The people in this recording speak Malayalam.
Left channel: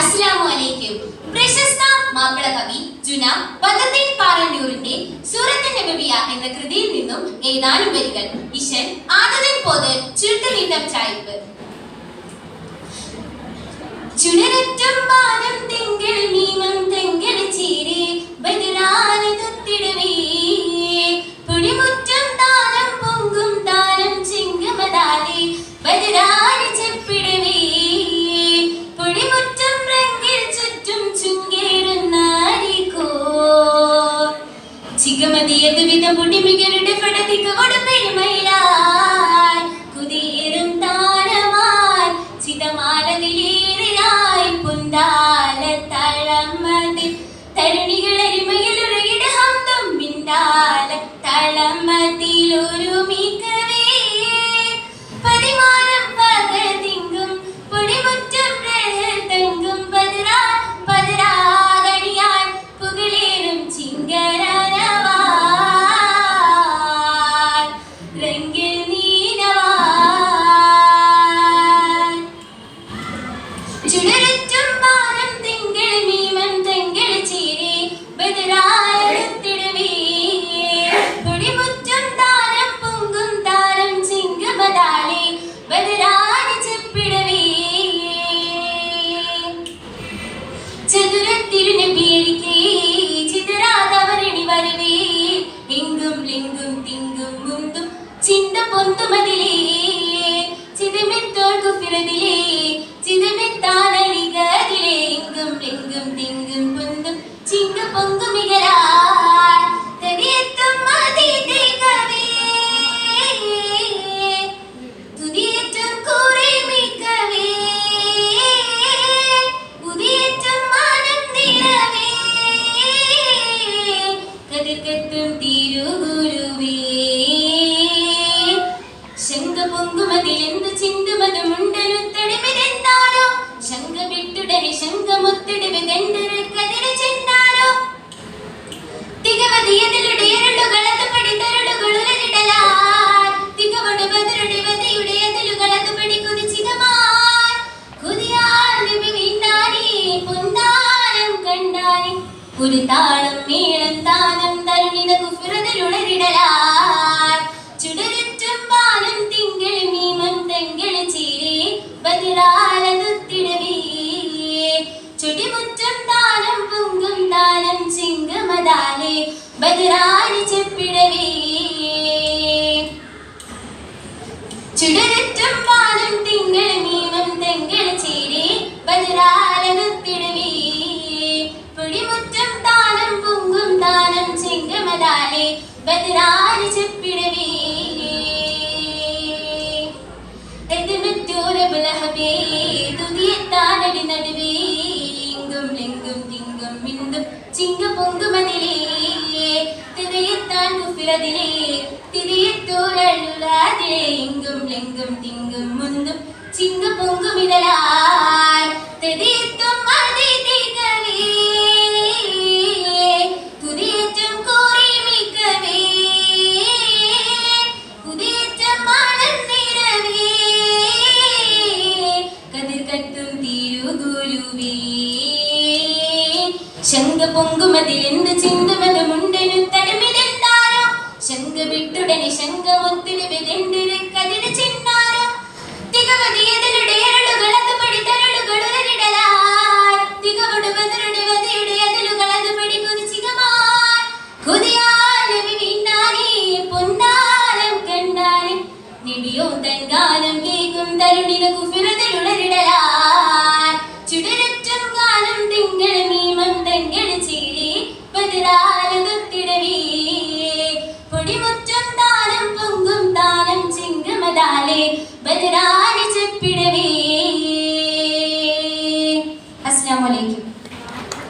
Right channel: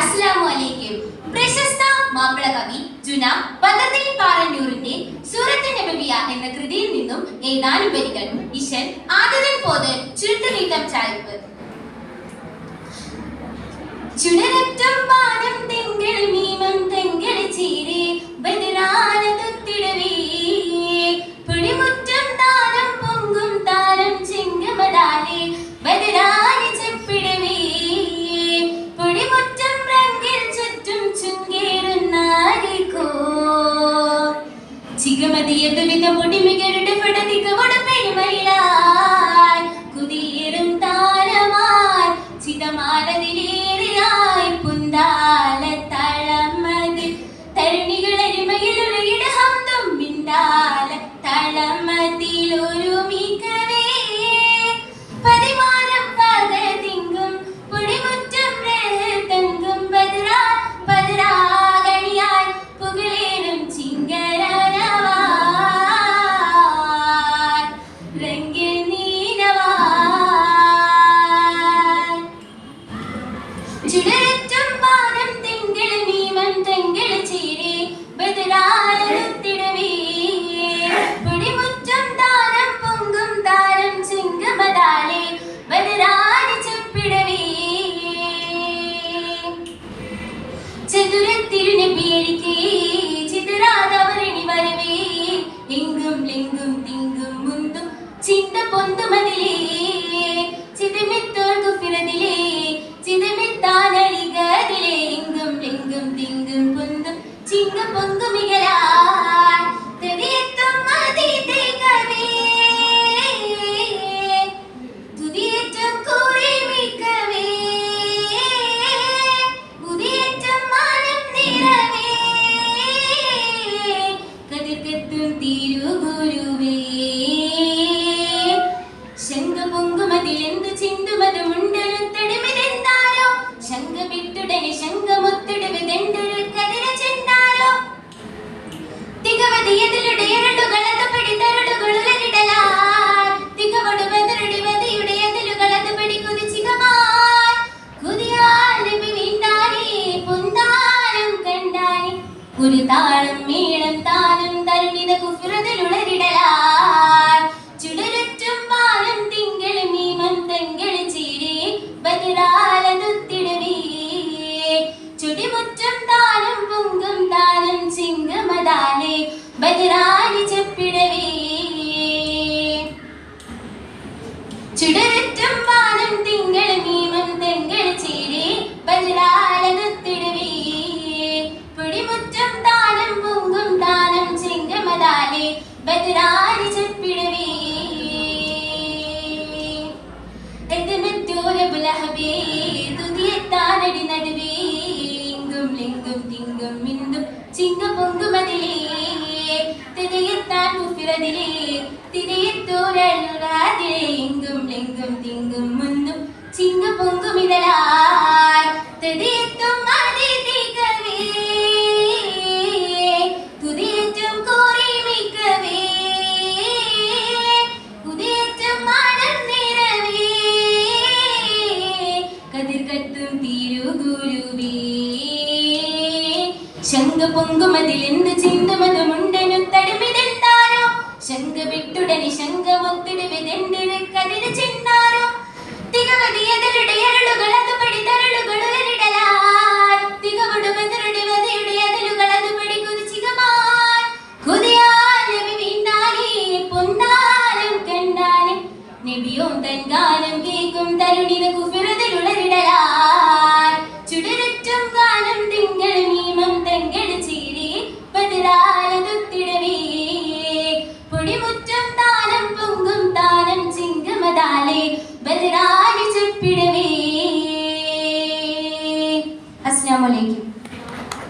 അസ്സലാമുഅലൈക്കും. പ്രശസ്ത മാപ്പിള കവി ജുനാ ബദറുദ്ദീൻ പാറന്നൂരിന്റെ സൂറത്തുൻ നബവിയ എന്ന കൃതിയിൽ നിന്നും ഏതാനും വരികൾ. ഇശൽ ആദതൻ പോത് ചുരുട്ടുനീട്ടം ചായ്പ്. ചുടരറ്റും പാനം തെങ്കൾ മീമം തെങ്കൾ ചീരേ ബദറാനതൊത്തിടവേ പുളിമുറ്റം താരം പൊങ്കും താരം ചിങ്കമതാലേ ബദറാനി ചെപ്പിടവേ പുളിമുറ്റം രംഗിൽ ചുറ്റും ചുങ്കേറുന്നാരിക്കോ ചികമതിയത് വിധ പൊടിമികളുടെ പടതിക്കവട പെരുമയിലായി കുതിയേറും താരമായി ചിതമാലതിലേറിയായി പുന്താല തളമതിൽ തരുണികൾ എരുമയിലുറയിട ഹംദും മിന്താല തളമതിലൊരു മികവേ പതിമാനം പകതിങ്കും പൊടിമുറ്റം തങ്കും പതിരാകണിയാൽ പുകളേറും ചിങ്കരവാൻ രംഗിൽ നീനവാൻ ചുടരറ്റും പാനം തെങ്കൾ മീമം തെങ്കൾ ചീരേ ബദറാനൊത്തിടവേ പൊടിമുറ്റം താരം പൊങ്കും താരം ചിങ്കമതാളേ ബദറാനി ചെപ്പിടവേ ചതുരത്തിരുനബിയരികേ ചിതരാതവരണി വരവേ എങ്കും ലിങ്കും തിങ്കും മുന്തും ചിന്ത പൊന്തുമതിലേ ചിതമെത്തോൾ കുഫിറതിലേ ചിതമെത്താനടികതിലേ എങ്കും ലിങ്കും തിങ്കും പൊന്തും ചിങ്ക പൊങ്കുമികലാൽ തെരിയെത്തും മതിതൈകവേ തുതിയേറ്റം കൂറിമിക്കവേ ഉദിയേറ്റം മാനം നിറവേ കതിർക്കത്തും തിരുഗുരുവേ ശങ്ക പൊങ്കുമതിലെന്തു ചിന്തുമതുമുണ്ടനുത്തടിമിതെന്താരോ ശങ്ക വിട്ടുടനെ ശങ്കമുത്തിടുവിതെണ്ടൊരു കതിര ചെന്നാരോ തികവതിയതിലുടെ എരളുകളത് പടിതരളുകളുരലിടലാൽ തികവടു ബദറുടെ വതിയുടെ അതിലുകളത് പടി കുതിച്ചികമാൻ കുതിയാൽ നബി വീണ്ടാനേ പൊന്നാനം കണ്ടാനേ ഒരു താളം മേളം താനം തരുണിത കുഫിറതിലുളരിടലാൽ ചുടരറ്റും പാനം തിങ്കൾ മീമം തെങ്കൾ ചീരേ ബദറാനതൊത്തിടവേ ചുടിമുറ്റം താനം പൊങ്കും താനം ചിങ്കമതാലേ ബദറാനി ചെപ്പിടവേ ചുടരറ്റും പാനം തിങ്കൾ മീമം തെങ്കൾ ചീരേ ബദറാനതൊത്തിടവേ പൊടിമുറ്റം താനം പൊങ്കും താനം ചിങ്കമതാലേ ബദറാനി ചെപ്പിടവേ എത്തുമെറ്റോരബുലഹബേ തുതിയെത്താനടി നടുവേ ലിങ്കും ലിങ്കും തിങ്കും മിന്തും ചിങ്ക പൊങ്കുമതിലേ തിരയെത്താൻ കുഫിറതിലേ തിരയെത്തോരളുരാതിലേ എങ്കും ലിങ്കും തിങ്കും മുന്തും ചിങ്ക പൊങ്കുമിടലാൽ തെരിയെത്തും മതിതൈകവേ തുതിയേറ്റം കോറിമിക്കവേ ഉദിയേറ്റം മാനം നിറവേ കതിർക്കത്തും തിരുഗുരുവേ ശങ്ക പൊങ്കുമതിലെന്തു ചിന്തുമതുമുണ്ടനുത്തടിമിതെന്താരോ ശങ്ക വിട്ടുടനെ ശങ്കമൊത്തിടുവിതെണ്ടൊരു കതിര ചെന്നാരോ തികവതിയതരുടെ എരളുകളത് പടിതരളുകളുരലിടലാൽ തികവടു ബദറുടെ വതിയുടെ അതിലുകളത് പടി കുതിച്ചികമാൻ കുതിയാൽ നബി വീണ്ടാനേ പൊന്നാനം കണ്ടാനേ നബിയോ തൻകാലം കേൾക്കും തരുണിത കുഫിറ